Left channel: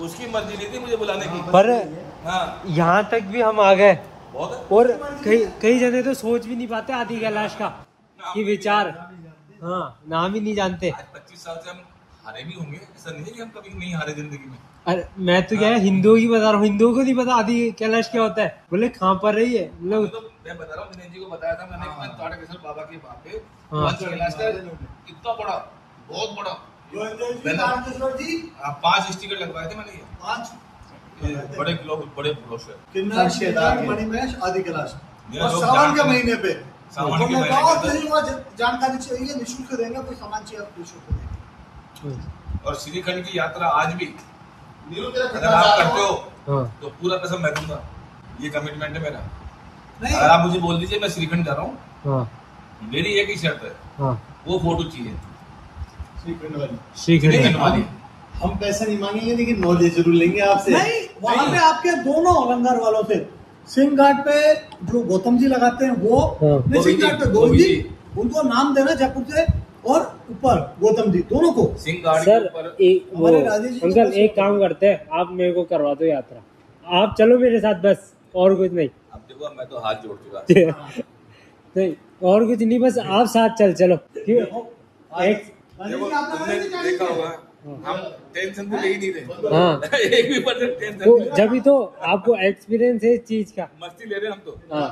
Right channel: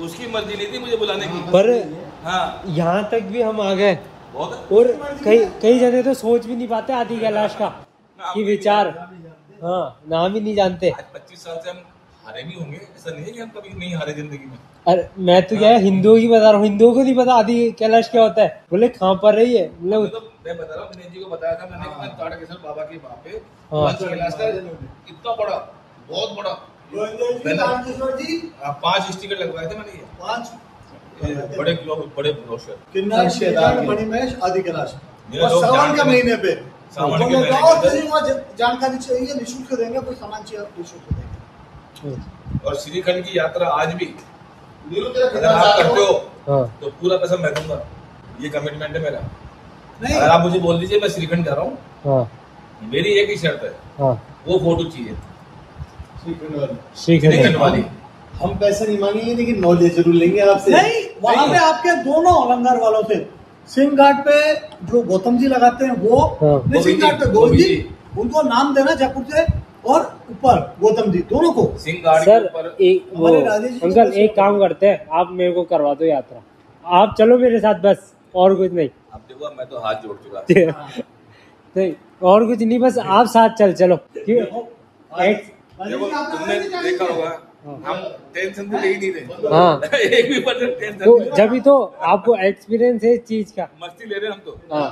उसकी मर्जी नहीं थी मुझे बुलाने की, पर हाँ यहाँ तक भी हम आ गए। बहुत और कई जने तो सोच भी नहीं पाते आदि कैलाश का कि विचार, हाँ नाम ही नहीं जानते। आज 25 साल से हम हारे नहीं होंगे, ऐसा नहीं है कि हम कभी नहीं हारे जिंदगी में। अरे मैं तो क्या है हिंदुओं की बता रहा हूँ, हिंदुओं को नहीं पता आदि कैलाश क्या होता है। बोले कहाँ पर रही है, तो मैं बता रहा हूँ, दिनेश जी को बताया था मैंने कि ताड़केश्वर बाबा के वहाँ पे कैलाश का इतना बड़ा, बहुत बड़ा 5 स्टिकर लगवाए थे मैंने, ये 5 बड़े ब्लॉग, बड़े ब्रोशर, किन्नर श्रीगढ़ मणिमहेश आदि कैलाश और सावन के महीने पे जानकारी चाहिए निःशुल्क देंगे, कोई सामान चाहिए आप निःशुल्क देंगे। और श्रीखंड की यात्रा आज भी अगर आप करते हो तो पूरा पैसा मैं दूंगा, ये कमिटमेंट है मेरा। अगर आप मुझे बोल दीजिए मैं श्रीखंड जा रहा हूँ, मेरी एक ही शर्त है, वो फोटो चाहिए श्रीखंड वाली। हम पैसे नहीं मांगेंगे लेकिन नॉलेज जरूर लेंगे आपसे। नहीं, वहाँ पे आपके दोनों लंगर वालों से सिंह घाट पे जो गौतम जी लगाते हैं वो, सिंह घाट पे गोविंद जी, उनको नाम देना जयपुर से, और ऊपर गौतम जी, दोनों को सिंह घाट सर के ऊपर। अंकल एक काम करते हैं, आप मेरे को करवा दो यात्रा, आप चलो मेरे साथ बस, और कुछ नहीं। अब देखो मैं तो हाथ जोड़ चुका नहीं और कुछ नहीं, बस आप साथ चलो। तुमने देखा होगा हम टेंशन तो ले ही नहीं रहे, हाँ एक भी % टेंशन तो जब भी तो आपको एक्सपीरियंस है इस चीज का, मस्ती ले रहे हैं हम तो। हाँ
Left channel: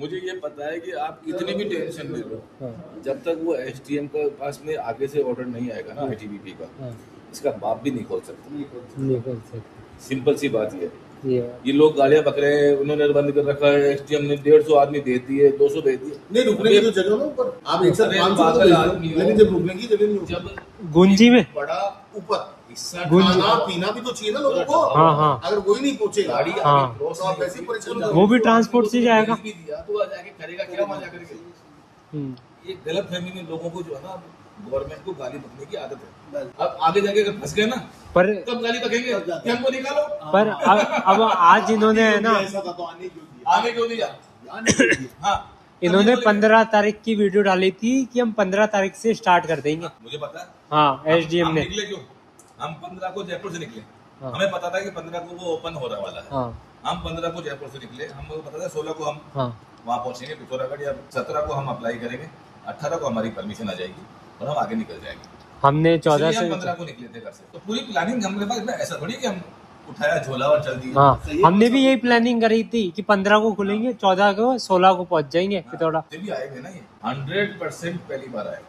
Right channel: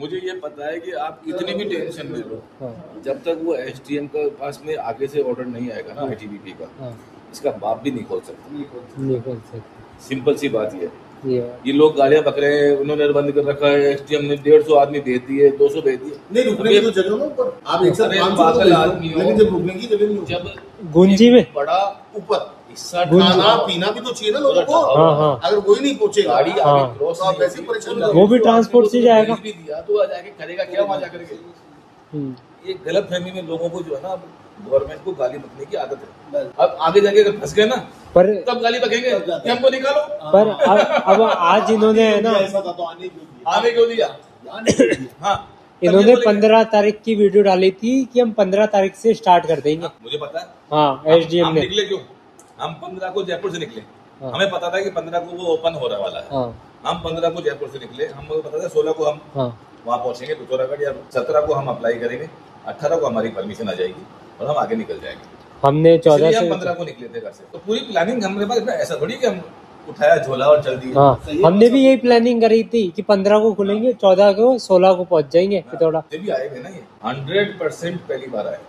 मुझे ये पता है कि आप इतनी भी टेंशन में लो, जब तक वो SDM के पास में आगे से ऑर्डर नहीं आएगा ना ITBP का, इसका बाप भी नहीं खोल सकता। सिंपल सी बात ये लोग गालियां बक रहे हैं, उन्होंने बंद कर रखा है, SDM ने 150 आदमी भेज दिए, 200 भेज दिए, नहीं रुकने की तो जगह ना ऊपर, आप एक साथ पागल आदमी हो, लेकिन जब रुकने की जगह नहीं, जब गुंजी में बड़ा ऊपर खाना पीना भी तो चाहिए ना लोगों को। अगर वही नहीं पहुंचेगा गाड़ी क्रॉस, आप ऐसे परेशान, वो भी ट्रांसपोर्ट से जाएगा, भी दिया तो जाके करेगा क्या, वहां जाकर के। ये गलत फहमी में लोगों को जो है ना, गवर्नमेंट को गाली बकने की आदत है। अब आगे जाके अगर फंस गए ना, पर तब गाली बकेंगे, टेम्पो निकालो। पर अब आज इन्होंने है ना, आगे क्यों दिया? हाँ इन्होंने 15 तारीख की वीडियो डाली थी कि हम 15 तारीख से स्टार्ट कर देंगे। मुझे पता है, हाँ SDM ने। निकले क्यों? हम 15 को जयपुर से निकले, हमें पता था कि 15 को वो ओपन हो रहा वाला है। हम 15 को जयपुर से निकले, हमको पता था 16 को हम वहाँ पहुंचेंगे पिथौरागढ़, या 17 को हम अप्लाई करेंगे, 18 को हमारी परमिशन आ जाएगी और हम आगे निकल जाएंगे। हमने 14 से 15 को निकले थे घर से, तो पूरी प्लानिंग हमारे पास, ऐसा थोड़ी कि हम उठाया झोला और चल दिए। हाँ हमने भी यही प्लानिंग करी थी कि 15 को खुलेंगे, 14 को 16 को पहुंच जाएंगे पिथौरा। भी आएंगे ना, ये 100% पहली बार आए।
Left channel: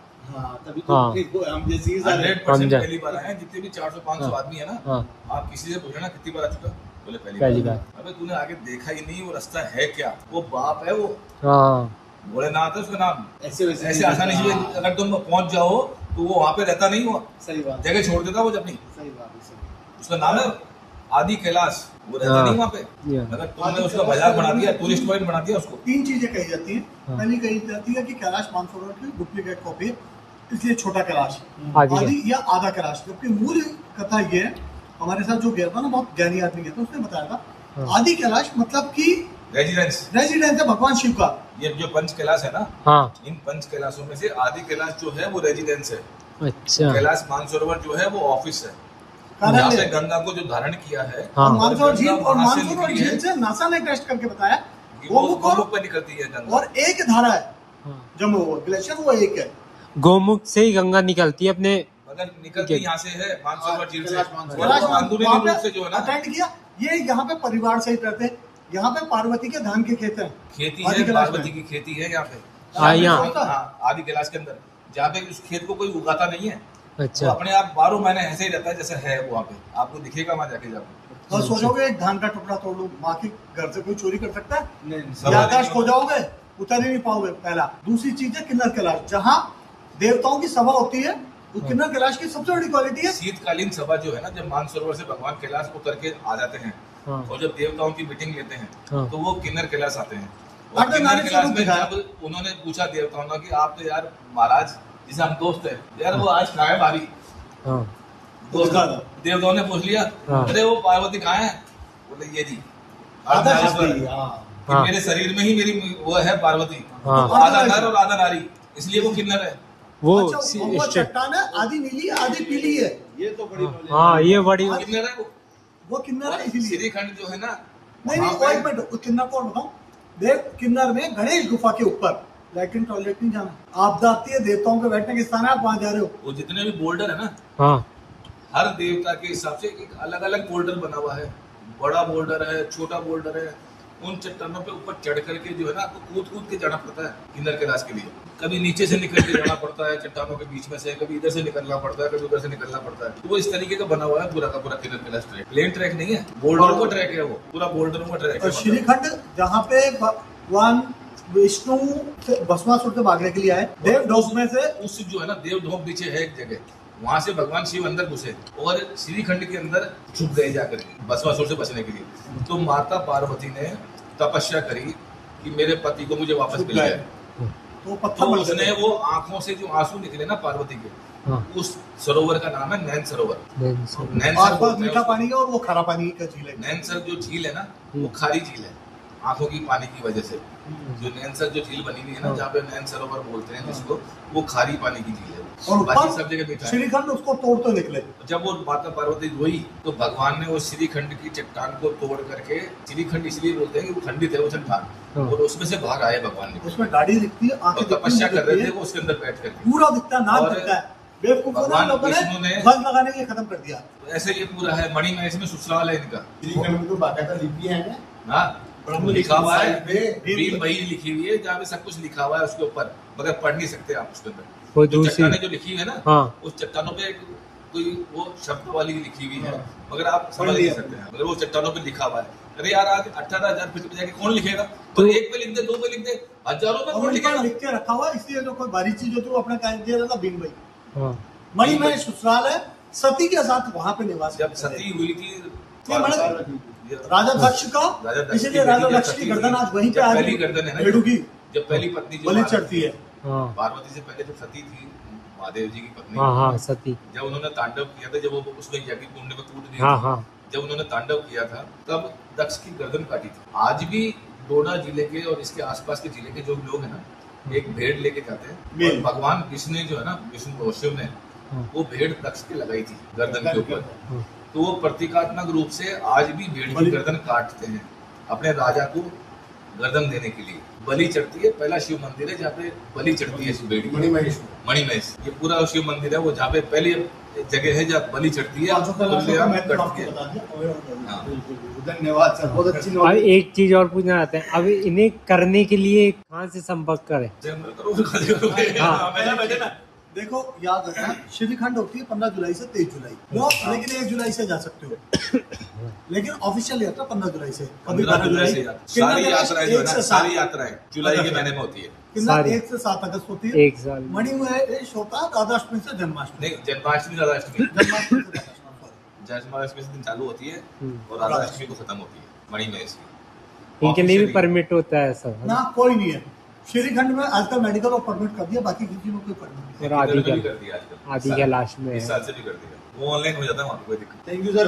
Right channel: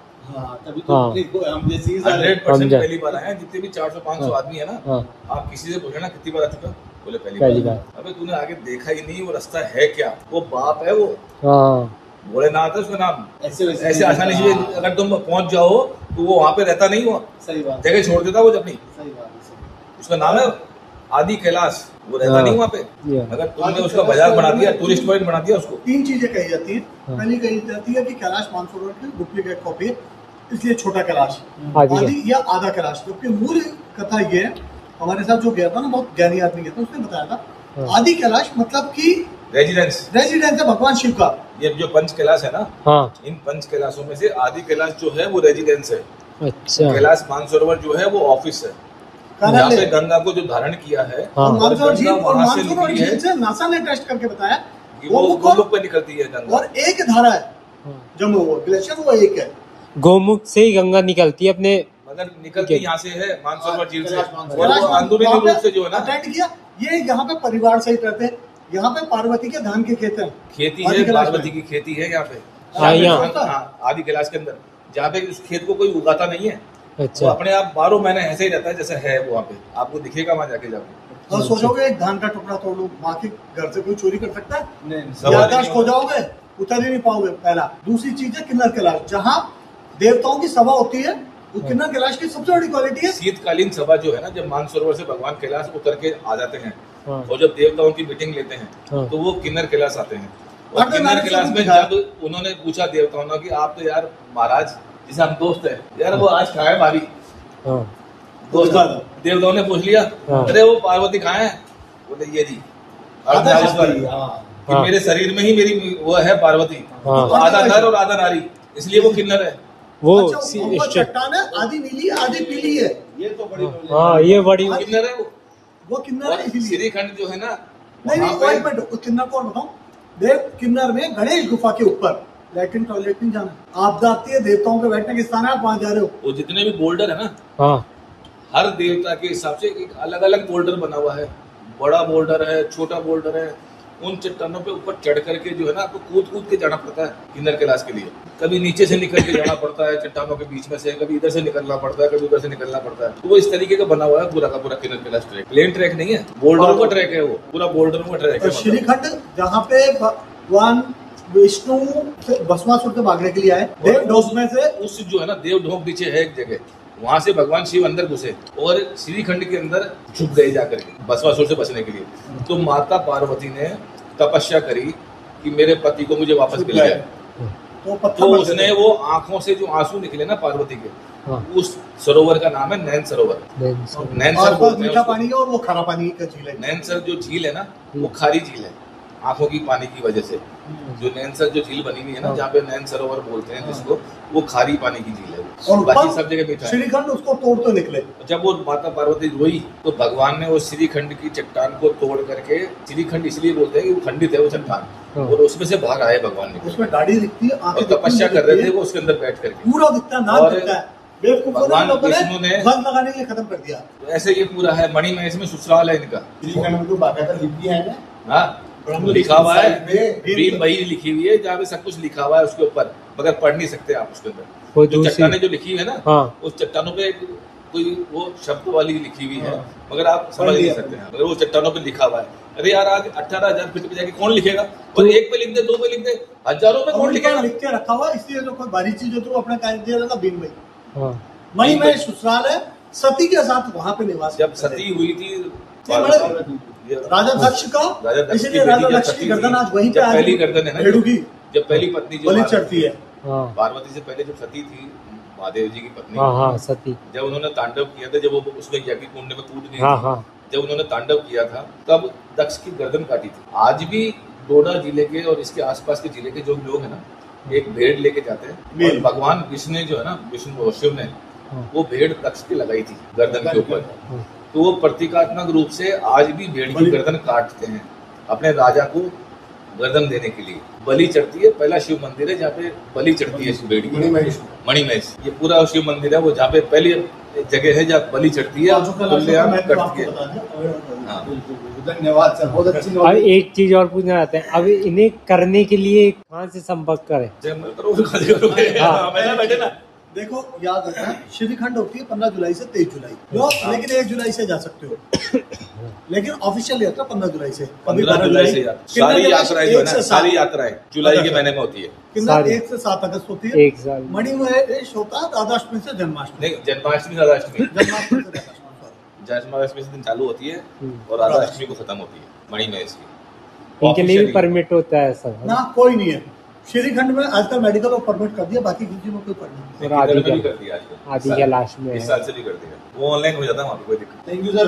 तभी तो हम 100% पहली बार आए। जितने भी 400-500 आदमी है ना, आप किसी से पूछे ना कितनी बार आ चुका, बोले पहली बार। अबे तूने आगे देखा ही नहीं, वो रास्ता है क्या, वो बाप है वो, भोलेनाथ है उसका नाम। ऐसे आसानी से अगर तुम पहुंच जाओ तो वो वहाँ पे रहता नहीं, हुआ सही बात, जगह छोड़ देता वो अपनी। सही बात, उसका नाम है आदि कैलाश, वो रहता नहीं वहाँ पे। अगर तुमने उसका बाजार बना दिया, टूरिस्ट पॉइंट बना दिया उसको। 3 चीजें कही जाती है। पहली कही जाती है कि कैलाश मानसरोवर की डुप्लीकेट कॉपी है, इसलिए छोटा कैलाश आदि या आधा कैलाश। जबकि मूल कथा ये है, हमारे साथ जो गया था ना, बहुत ज्ञानी आदमी गया था, उसने बताया था आदि कैलाश मतलब कि रेजिडेंस है भगवान शिव का। ये जो पंच कैलाश है ना, इन पंच कैलाशों में से आदि कैलाश जो है वो रेजिडेंस है। अच्छा। कैलाश मानसरोवर जो है वो ऑफिस है, यहाँ पे गंगा को जो धारण किया है। मानसरोवर झील से नासा ने टेस्ट करके बताया कि वो गोमुख पे निकलती है गंगा, और एक धारा है जम्मू ग्लेशियर, वो एक है, गोमुख से ही गंगा निकलती है अपने, मगर निकलती यहाँ से है मानसरोवर झील से, अंदरूनी रूप से जो है ना। किया ये यहाँ पे परिवार सहित रहते हैं, यहाँ पे पार्वती के धान की खेत है, खेती है, पार्वती की खेती है यहाँ पे आदि कैलाश के अंदर, जहाँ पे उस खेत को कोई उगाता नहीं है। अच्छा। तो अपने आप 12 महीने ऐसे ही रहता है जैसे है वहाँ पे, आपको दिखेगा वहाँ जाके जाके। और सोचोगे एक धान का टुकड़ा तोड़ लो, माँ के घर से कोई चोरी कर सकता है? नहीं। आकाश खो जाओगे, उतर ही नहीं पाओगे। पहला। दूसरी चीज है किन्नर कैलाश, जहाँ देवताओं की सभा होती है, किन्नर कैलाश की सबसे बड़ी क्वालिटी है शीतकालीन सभा जो है ना, जब मानसरोवर से भगवान कैलाश उतर के आ जाते हैं और जब देवताओं की मीटिंग लेते हैं तो वो किन्नर कैलाश आते हैं। और किन्नर कैलाश में जब उन्होंने पूछा देवताओं ने कि आप तो यार महाराज जिसे हम दोस्त है यार, वो आज कहाँ है भाभी, देवताओं ने पूछ लिया, अरे वो पार्वती कहाँ है, बोले ये जी कि मेरे शरीर में ही मेरी वो है पार्वती, आधा नर और आधा नारी, इसलिए वो किन्नर है। वो चट्टान है, आधी नीली आधी पीली है, ये तो बड़ी, हाँ ये बड़ी किन्नर है वो। वो किन्नर है और इसीलिए। श्रीखंड जो है ना, नहीं वहाँ नहीं, एक मिनट, उस किन्नर को और बताऊं, देव किन्नर में गणेश गुफा के ऊपर लैट्रिन टॉयलेट नहीं जाना, आपदा आती है, देवताओं के बैठने के स्थान है, आप वहां जा रहे हो। वो जितने भी बोल्डर है ना, हाँ हर देवता के हिसाब से एक अलग अलग बोल्डर बना हुआ है। बड़ा बोल्डर है, छोटा बोल्डर है। उन चट्टानों पे ऊपर चढ़ करके जो है ना, आपको कूद कूद के जाना पड़ता है किन्नर कैलाश के लिए। कभी नीचे से निकल के जाना पड़ता है चट्टानों के बीच में से, कभी इधर से निकलना पड़ता है, कभी उधर से निकलना पड़ता है। तो वो इस तरीके का बना हुआ है पूरा का पूरा किन्नर कैलाश ट्रैक। प्लेन ट्रैक नहीं है, बोल्डरों का ट्रैक है, वो पूरा बोल्डरों का ट्रैक है। श्रीखंड जहाँ पे भगवान विष्णु भस्मासुर से भागने के लिए आए, देवढोक में से उस जो है ना, देवढोक पीछे है एक जगह, वहां से भगवान शिव अंदर घुसे और श्रीखंड के अंदर छुप गए जाकर के भस्मासुर से बचने के लिए। तो माता पार्वती ने तपस्या करी कि मेरे पति को मुझे वापस मिल जाए। तो उसने वो आंखों से जो आंसू निकले ना पार्वती के, उस सरोवर का नाम है नैन सरोवर। नैनसर बोलते हैं मीठा उसको। पानी है और वो खारा पानी का झील है। नैनसर जो झील है ना, वो खारी झील है आंखों की पानी की वजह से। जो नैनसर जो झील बनी हुई है ना, जहाँ पे नैन सरोवर बोलते हैं जिसको, वो खारी पानी की झील है। और बाकी सब जगह मीठा है। श्रीखंड उसको तोड़ते निकले। जब वो माता पार्वती रोई तो भगवान ने वो श्रीखंड की चट्टान को तोड़ करके, श्रीखंड इसलिए बोलते हैं कि वो खंडित है वो चट्टान, और उसमें से भाग आए भगवान ने। उसमें दाढ़ी दिखती है, और तपस्या कर रहे थे वो उसके अंदर बैठ करके। पूरा दिखता है, नाक और दिखता है। बेवकूफों भगवान लोगों ने विष्णु ने ध्वज लगाने के लिए खत्म कर दिया। तो ऐसे ये पूरा है मणि में, इसमें ससुराल है इनका। श्रीखंड में तो बाकायदा लिपि है ना, हाँ, लिखा हुआ है, भीम बही लिखी हुई है, जहाँ पे सब कुछ लिखा हुआ है उसके ऊपर, मगर पढ़ नहीं सकते आप उसके अंदर। वो जो चट्टाने जो लिखी हुई है ना, हाँ। उस चट्टानों पे कोई वो शब्द वाली लिखी हुई है, मगर आप समझ नहीं सकते हैं, मगर वो चट्टानों पे लिखा हुआ है। अरे यार, आज 18,000 फीट पे जाके कौन लिखेगा? और एक पे लिख दे, दो पे लिख दे, हजारों पे कौन लिखेगा? लिख के रखा हुआ है, इसलिए जो कोई बारीक चीज होती है वो अपना कार्य दिया जाता भीम भाई। हाँ। मई में ससुराल है, सती के साथ वहां पे निवास। जब सती हुई थी राजा दक्ष का, इसीलिए राजा दक्ष की गर्दन आज वहीं पे पहली गर्दन है ना, भेड़ू की जब पहली पत्नी जो बलि चढ़ती है। पार्वती से पहले जब सती थी, महादेव जी की पत्नी, हाँ हाँ सती, जब उन्होंने तांडव किया था, जब वो उसमें यज्ञ कुंड में कूद गई हाँ थी, हाँ, जब उन्होंने तांडव किया था, तब दक्ष की गर्दन काटी थी। आज भी डोडा जिले के और इसके आसपास के जिले के जो लोग हैं ना, एक भेड़ लेके जाते हैं, और भगवान विष्णु जो है ना, विष्णु शिव ने वो भेड़ दक्ष की लगाई थी गर्दन के ऊपर। तो वो प्रतीकात्मक रूप से आज भी भेड़ की गर्दन काटते हैं अपने राजा को गर्दन देने के लिए। बलि चढ़ती है, पहला शिव मंदिर है जहाँ पे बलि चढ़ती है भेड़ की, मणिमहेश। ये पूरा शिव मंदिर है वो, जहाँ पे पहली जगह है जहाँ बलि चढ़ती है तुल्याम कट के। धन्यवाद सर, बहुत अच्छी अब एक चीज और पूछना चाहते हैं, अब इन्हें करने के लिए कहाँ से संपर्क करें? बैठे ना, देखो याद रखना, श्रीखंड होती है 15 जुलाई से 23 जुलाई, लेकिन 1 जुलाई से जा सकते हो। लेकिन ऑफिशियल यात्रा 15 जुलाई से, कभी 15 जुलाई से सारी यात्राएं जो है ना, सारी यात्राएं जुलाई के महीने में होती है। किन्नर 1 से 7 अगस्त होती है। एक साल मणिमहेश होता है राधाष्टमी से जन्माष्टमी। नहीं, जन्माष्टमी राधाष्टमी, जन्माष्टमी से राधाष्टमी, जन्माष्टमी से दिन चालू होती है और राधाष्टमी को खत्म होती है मणिमहेश की। इनके लिए भी परमिट होता है सब ना कोई नहीं है श्रीखंड में आजकल, मेडिकल और परमिट कर दिया, बाकी किसी में कोई परमिट नहीं। कर दिया आजकल, आदि कैलाश में इस साल से भी कर दिया, वो ऑनलाइन हो जाता है वहाँ पे, कोई दिक्कत। Thank you sir.